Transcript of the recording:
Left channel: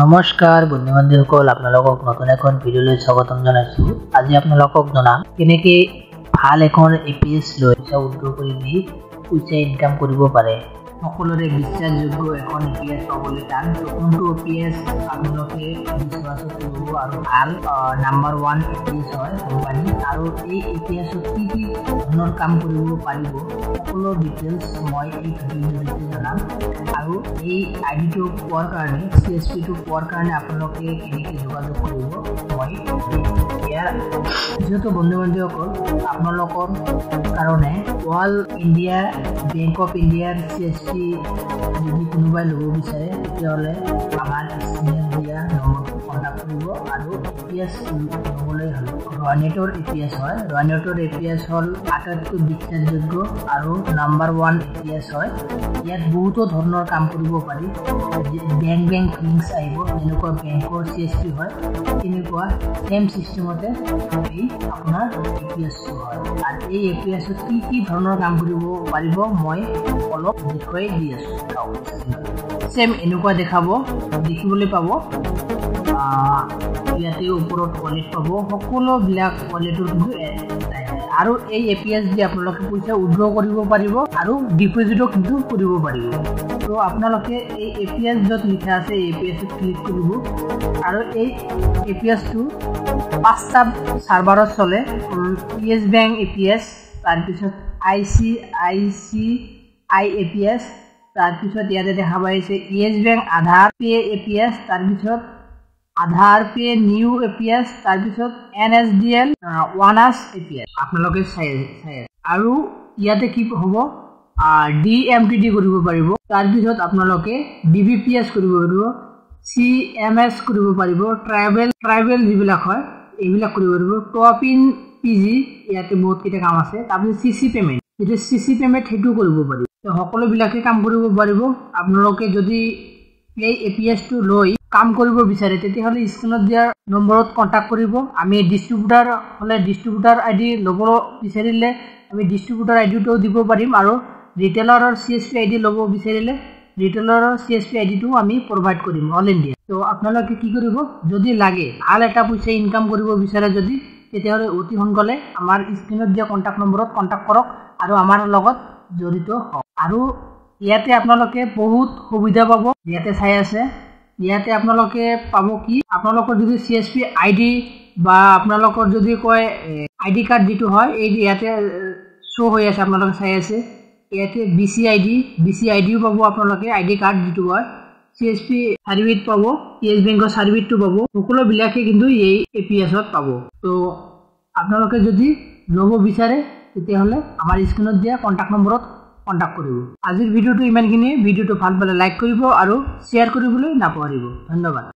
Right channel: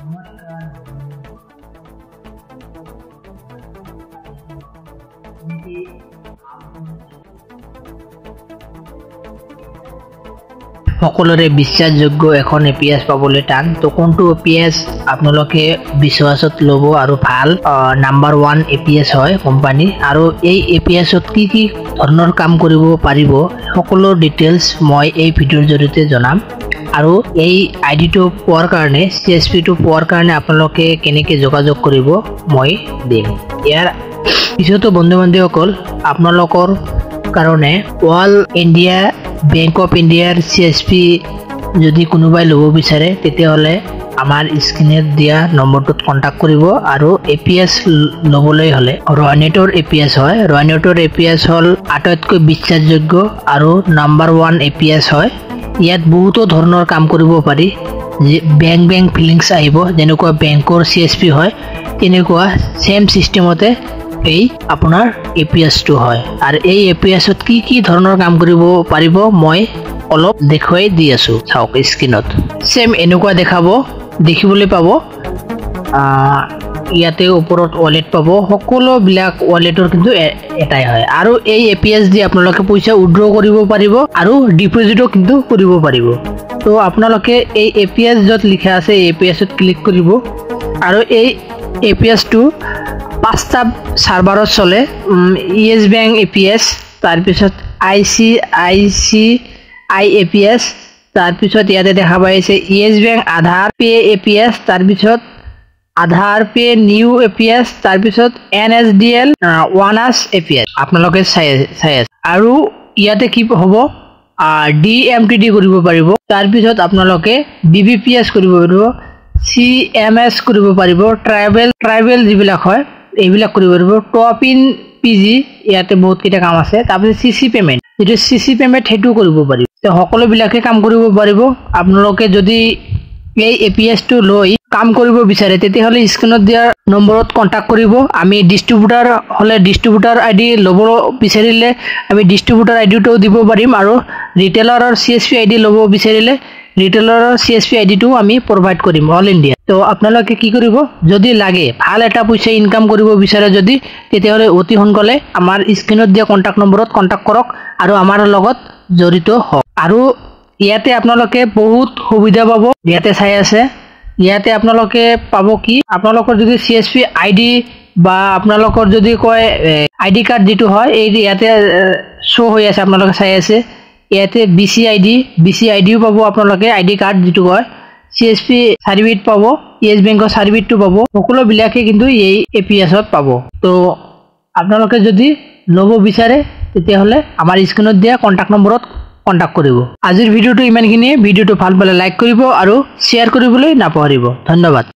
নমস্কাৰ বন্ধু বান্ধৱীসকল, আপোনালোকক নতুন এখন ভিডিঅ'লৈ স্বাগতম জনাইছোঁ। আজি আপোনালোকক জনাম কেনেকৈ ভাল এখন এপিএছ লৈ পইচা উইথড্ৰ কৰি দি পইচা ইনকাম কৰিব পাৰে। সকলোৰে বিশ্বাসযোগ্য এখন এপিএছ পাবলৈ টান, তো কোনটো এপিএছ আপোনালোকে বিশ্বাসত ল'ব আৰু ভাল নাম্বাৰ 1 এপিএছ হয় কোম্পানী, আৰু এই এপিএছত কি কি ধৰণৰ কাম কৰিব পাৰিব সকলো ডিটেইলছ মই এই ভিডিঅ'ৰ জৰিয়তে জনাম। আৰু এই আইডিটো পোৱাৰ কাৰণে CSPটো পোৱাৰ কাৰণে আপোনালোকে কেনেকৈ যোগাযোগ কৰিব মই দিম। ইয়াৰ পিছতো বন্ধু বান্ধৱীসকল, আপোনালোকৰ কাৰণে অল ইণ্ডিয়া বেংক অফ ইণ্ডিয়াৰ CSP যদি কোনোবাই ল'ব বিচাৰে তেতিয়াহ'লে আমাৰ স্ক্ৰীনত দিয়া নম্বৰটোত কণ্টেক্ট কৰিব। আৰু এপিএছ ল'বলৈ হ'লে ৰয়নেটৰ এপিএছ হয়। ৰয়নেটৰ এপিএছ হ'ল আটাইতকৈ বিশ্বাসযোগ্য আৰু নাম্বাৰ 1 এপিএছ হয়। ইয়াত বহুতো ধৰণৰ কাম কৰিব পাৰি। বেংক ফিলিংছ আহিব, যেনেকুৱা বেংকৰ CSP হয় তেনেকুৱা সেম চিষ্টেমতে এই আপোনাৰ এপিএছটো হয়। আৰু এই এপিএছত কি কি ধৰণৰ কাম কৰিব পাৰিব মই অলপ দেখুৱাই দি আছোঁ। চাওক স্ক্ৰীনত সেম এনেকুৱা দেখিবলৈ পাব। ইয়াতে ওপৰত ৱালেট পাব, সকলোবিলাক ৱালেটৰ কিন্তু এটাই হয়। আৰু এই এপিএছ দি আপোনালোকে পইচা উইথড্ৰ কৰিব পাৰিব আৰু ডিপজিটো কিন্তু কৰিব পাৰিব। তো আপোনালোকে এই এপিএছ য'ত লিখা আছে এই এপিএছত ক্লিক কৰিব। আৰু এই এপিএছটো 5টা চাৰ্ভাৰত চলে। ইয়েছ বেংক এপিএছ, তাৰপিছত ICICI এপিএছ, তাৰপিছত ইয়াতে দেখা পাইছে ইয়েছ বেংক আধাৰ পে এপিএছ, তাৰপিছত আধাৰ পে নিউ এপিএছ, তাৰপিছত NSDL ওৱানাছ এপিএছ আপোনালোকে চাই আছে। আৰু ইয়াতে কি হ'ব, DMTD কৰিব পাৰিব, তাৰপিছত আপোনালোকে BBPS কৰিব পাৰিব, CMS কৰিব পাৰিব, ট্ৰাইবেল যিবিলাক হয় এইবিলাক কৰিব পাৰিব, টপ ইন PG, ইয়াতে বহুত কেইটা কাম আছে। তাৰপিছত CC পেমেণ্ট, যিটো CC পেমেণ্ট সেইটো কৰিব পাৰিব। সকলোবিলাকে কাম কৰিব পাৰিব। আপোনালোকে যদি এই এপিএছটো লৈ কাম কৰিব বিচাৰে তেতিয়াহ'লে স্ক্ৰীনত দিয়া নম্বৰত কণ্টেক্ট কৰিব। আমি ডিষ্ট্ৰিবিউটাৰ হ'লে ডিষ্ট্ৰিবিউটাৰ ID ল'ব বিচাৰিলে আমি ডিষ্ট্ৰিবিউটাৰ IDটোও দিব পাৰিম, আৰু ৰিটেইলাৰৰ CSP ID ল'ব বিচাৰিলে ৰিটেইলাৰৰ CSP IDটো আমি প্ৰভাইড কৰিম অল ইণ্ডিয়া। তো আপোনালোকে কি কৰিব, যদি লাগে ভাল এটা পইচা ইনকাম কৰিব বিচাৰে যদি, তেতিয়াহ'লে অতি সোনকালে আমাৰ স্ক্ৰীনত দিয়া কণ্টেক্ট নম্বৰত কণ্টেক্ট কৰক আৰু আমাৰ লগত জড়িত হওক। আৰু ইয়াতে আপোনালোকে বহুত সুবিধা পাব। ইয়াতে চাই আছে, ইয়াতে আপোনালোকে পাব কি, আপোনালোকৰ যদি CSP ID বা আপোনালোকৰ যদি কয় ID কাৰ্ড যিটো হয় এই ইয়াতে শ্ব' হৈ আছে, আপোনালোকে চাই আছে। ইয়াতে BC IDও পাব আপোনালোকে, ID কাৰ্ড যিটো কয়, CSP চাৰ্টিফিকেট পাব, ইয়েছ বেংকৰ চাৰ্টিফিকেটটো পাব, সকলোবিলাকে কিন্তু এই এপিএছত পাব। তো আপোনালোকে যদি ল'ব বিচাৰে তেতিয়াহ'লে আমাৰ স্ক্ৰীনত দিয়া কণ্টেক্ট নম্বৰত কণ্টেক্ট কৰিব। আজিৰ ভিডিঅ'টো ইমানখিনিয়ে। ভিডিঅ'টো ভাল পালে লাইক কৰিব আৰু শ্বেয়াৰ কৰিবলৈ নাপাহৰিব। ধন্যবাদ।